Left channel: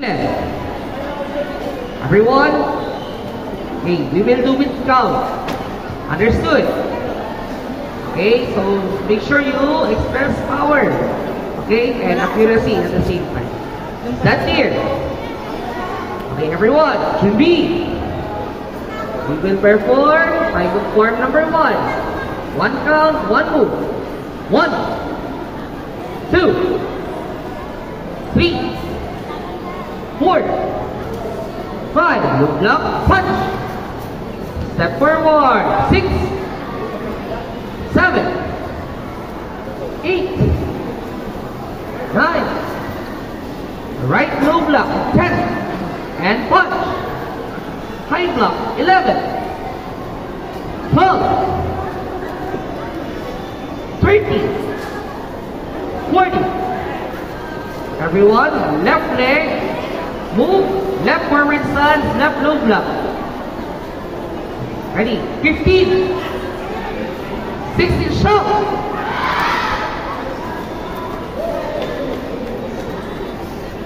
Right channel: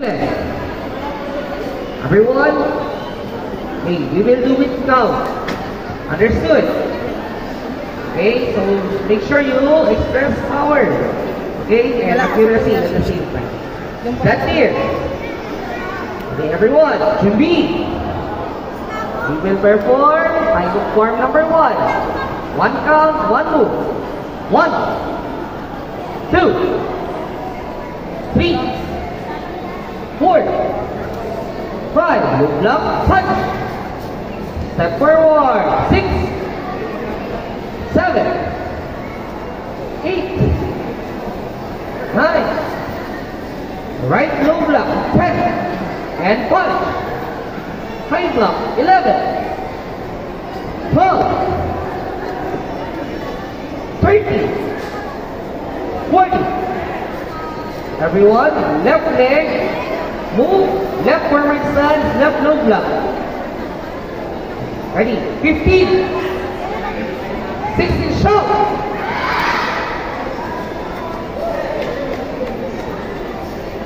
Everyone, hey, we will do with count. Understood? Okay, so make sure you express power, okay, and accuracy at the same time. That's clear. Okay, everyone, QB. We will perform final form number 1. One count, one move. 1, 2, 3, 4, 5, look block, touch. Step forward, 6, 7, 8, 9. Right low block, 10, and punch. High block, 11, 12, 13, 14. Everyone, left leg, move, left forward stance, left low block. Ready? 15, 16, show.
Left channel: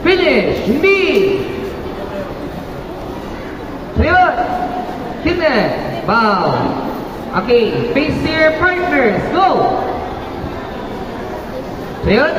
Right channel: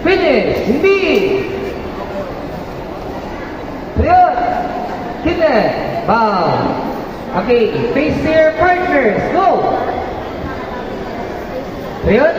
Finish, hindi. So yun, connect, bow. Okay, face to your partners, go. So yun.